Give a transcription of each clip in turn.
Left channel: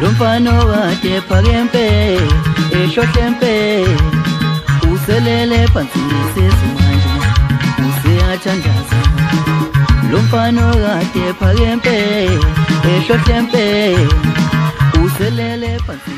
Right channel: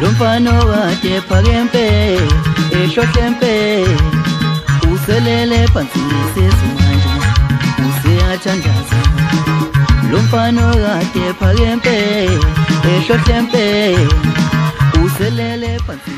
Lomfano kade phakempe ehlohlempe uselele phansi sesimanje useyathandaza Lomfano kade phakempe ehlohlempe uselele phansi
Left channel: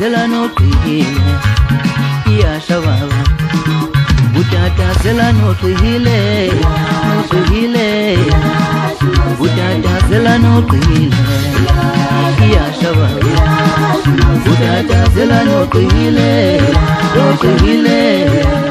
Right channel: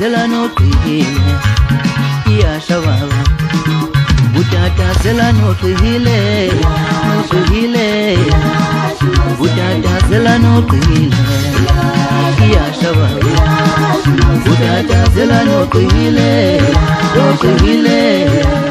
Zelano tuhile, iya shababa. Butata zelano tuhile, no tuhile. Butata zelano tuhile, iya shababa. Butata zelano tuhile, no tuhile.